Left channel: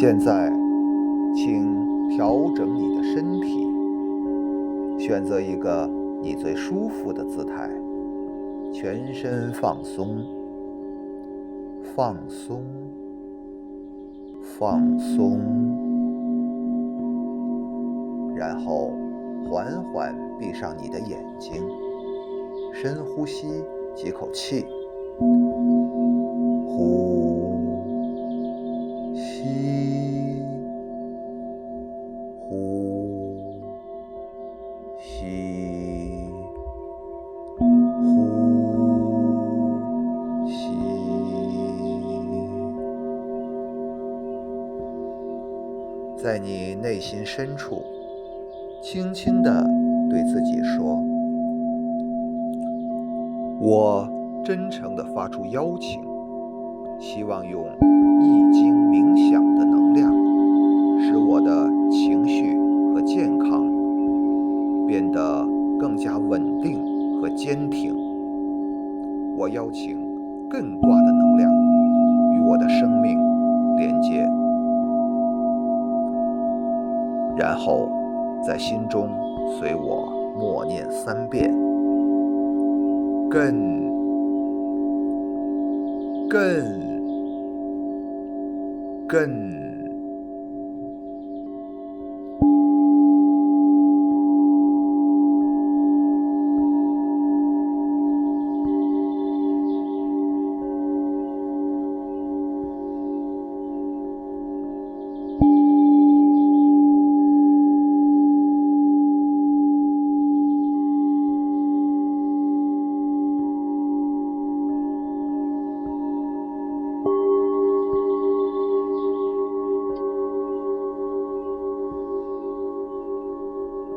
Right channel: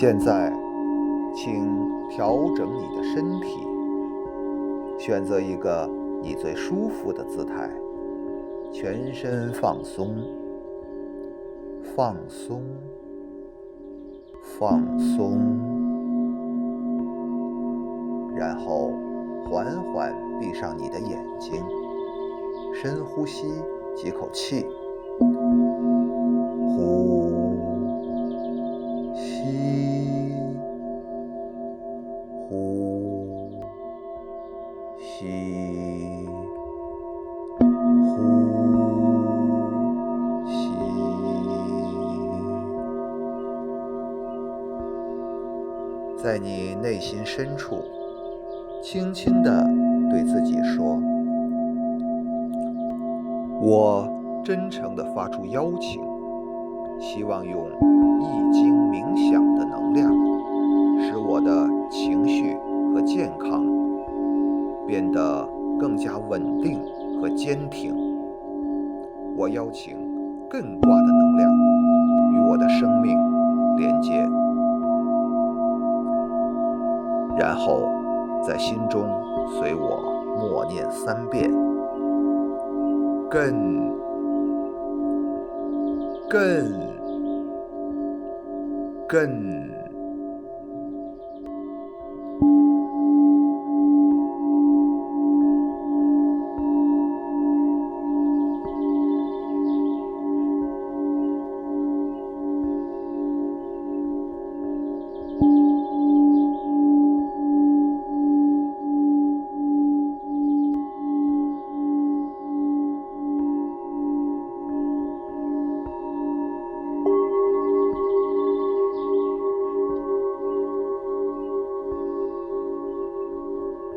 现在，请调整你的身体，选择一个你最舒服的姿态，全身放松，放松，放松，然后缓缓闭上你的眼睛，深呼吸几口气，呼，吸，呼，吸，呼，吸。在你内心深处，轻轻地对自己说：我真诚地发出邀请，希望用易经冥想的能量，使我的情绪和健康变得更加稳定和坚挺。我邀请艮卦的能量与我的生命连接，然后在心中随我默念3遍：艮，艮，艮。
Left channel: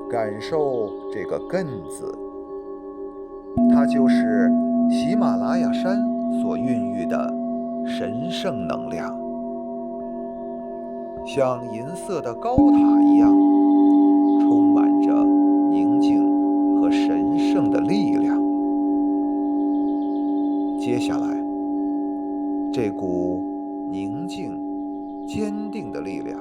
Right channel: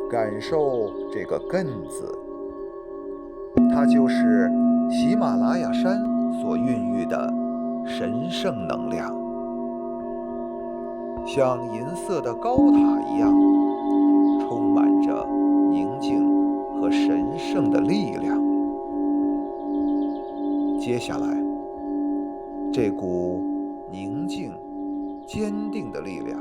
感受这个艮字，它就是喜马拉雅山所孕育的神圣能量，像银色的高塔一样，充满着宁静和神圣的力量。接下来，这股宁静、坚定的力量，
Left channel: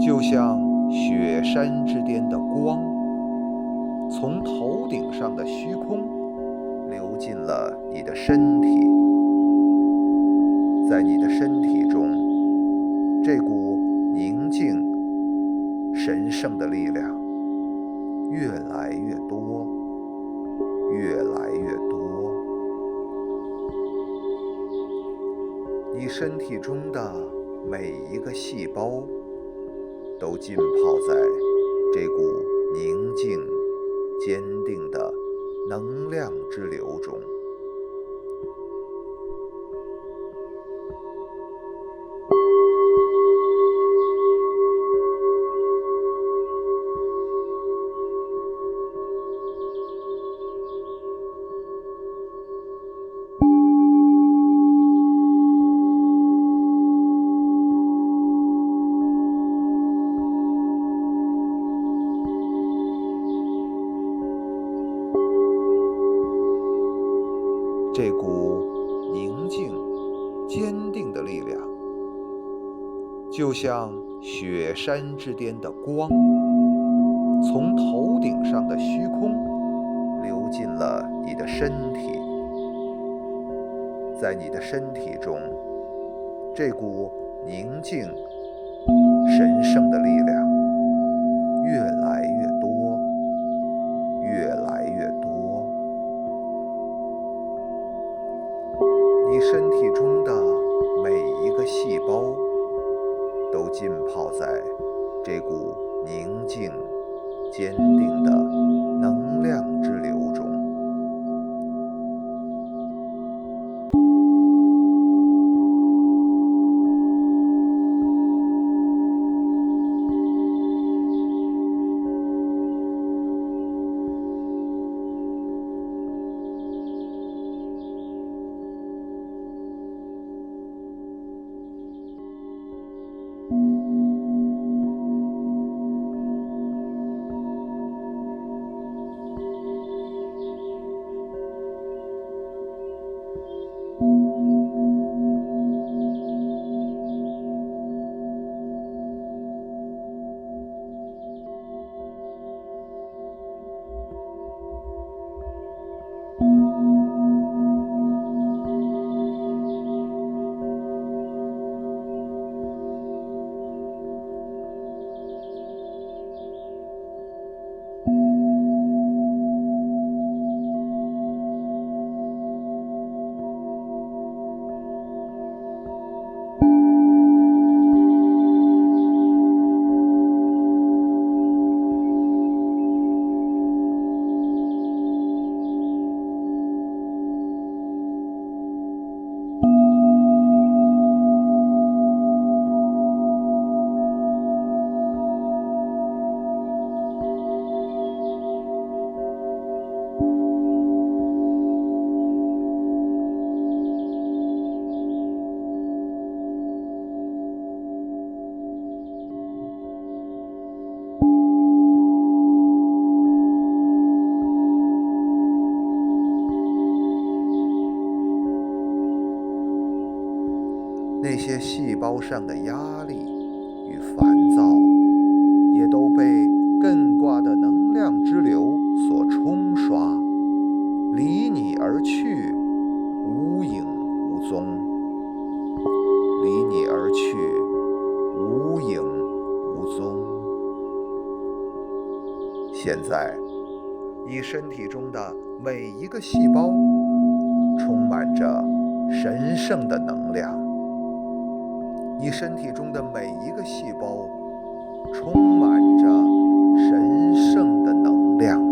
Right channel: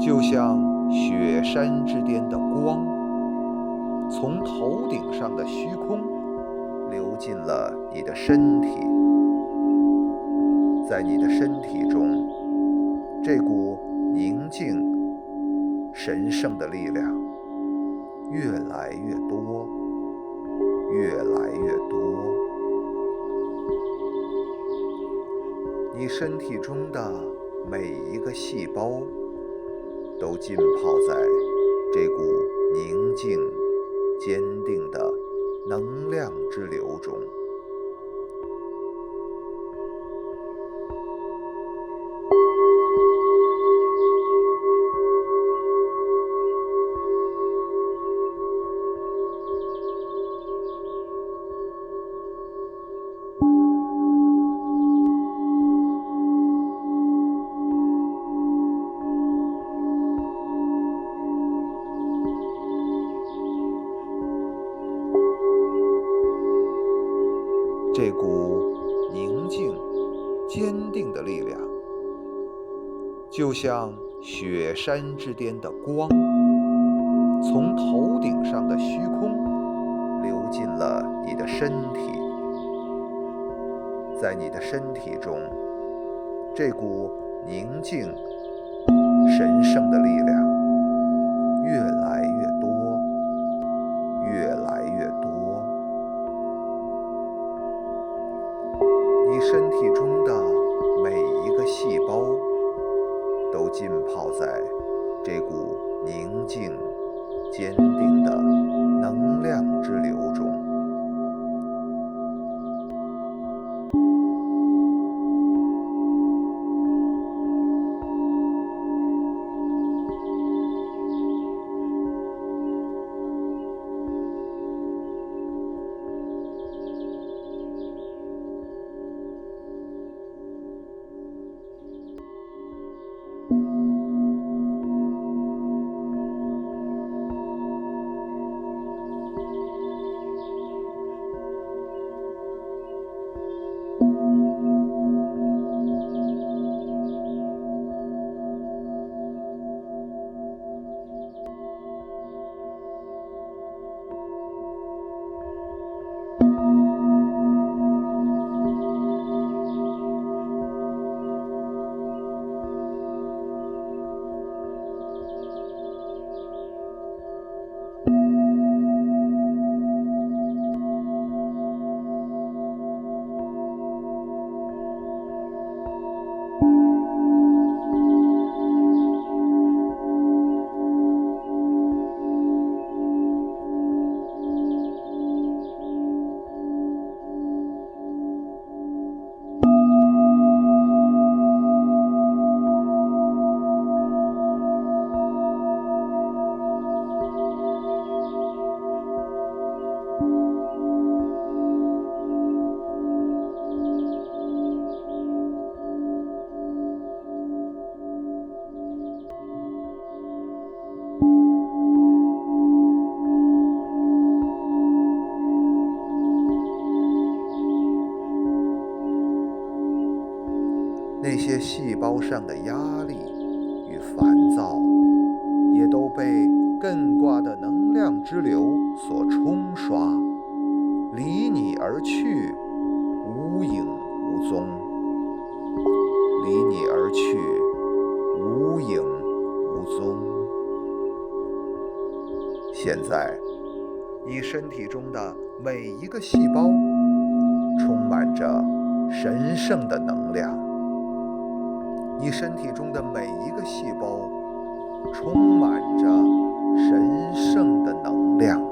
就像雪山之巅的光，从头顶上的虚空流进了你的身体。在你的身体中，这股宁静、神圣的力量越来越多，越来越多。你身体中的每一个细胞都浸泡在这股宁静、坚定的能量之流中。这股宁静、坚定的力量，就像雪山之巅的光，从头顶上的虚空流进了你的身体。在你的身体中，这股宁静、神圣的力量越来越多，越来越多。你身体中的每一个细胞都浸泡在这股宁静、坚定的能量之流中。那些细胞上的压力与烦躁，也都被艮卦的能量之流所冲刷，离你而去，无影无踪。离你而去，无影无踪。现在，你身体中的每一个细胞充满着神圣的能量。你身体中的每一个细胞充满着神圣的能量。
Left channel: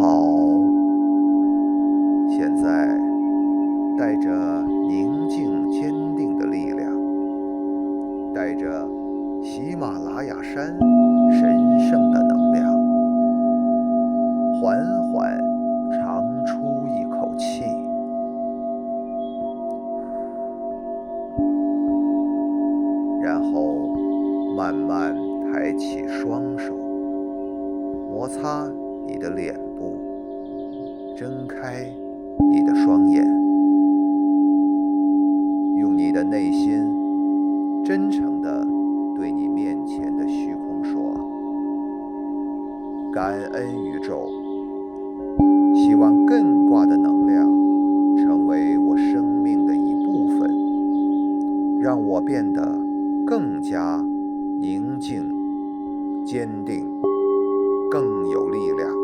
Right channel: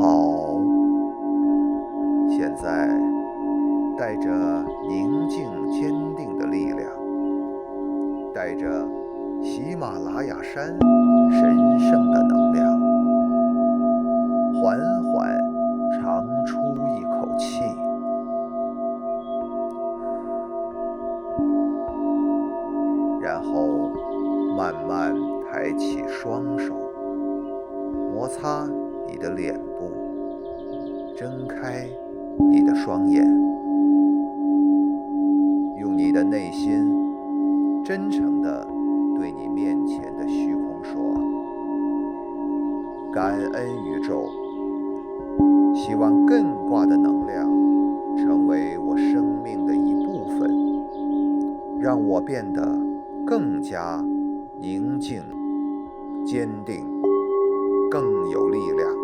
好，现在带着宁静坚定的力量，带着喜马拉雅山神圣的能量，缓缓长出一口气，然后慢慢抬起双手，摩擦你的脸部，睁开你的双眼，用你的内心真诚地对你面前的虚空说：感恩宇宙，希望艮卦的能量成为我生命的一部分，让我变得更加宁静、坚定，更有力量。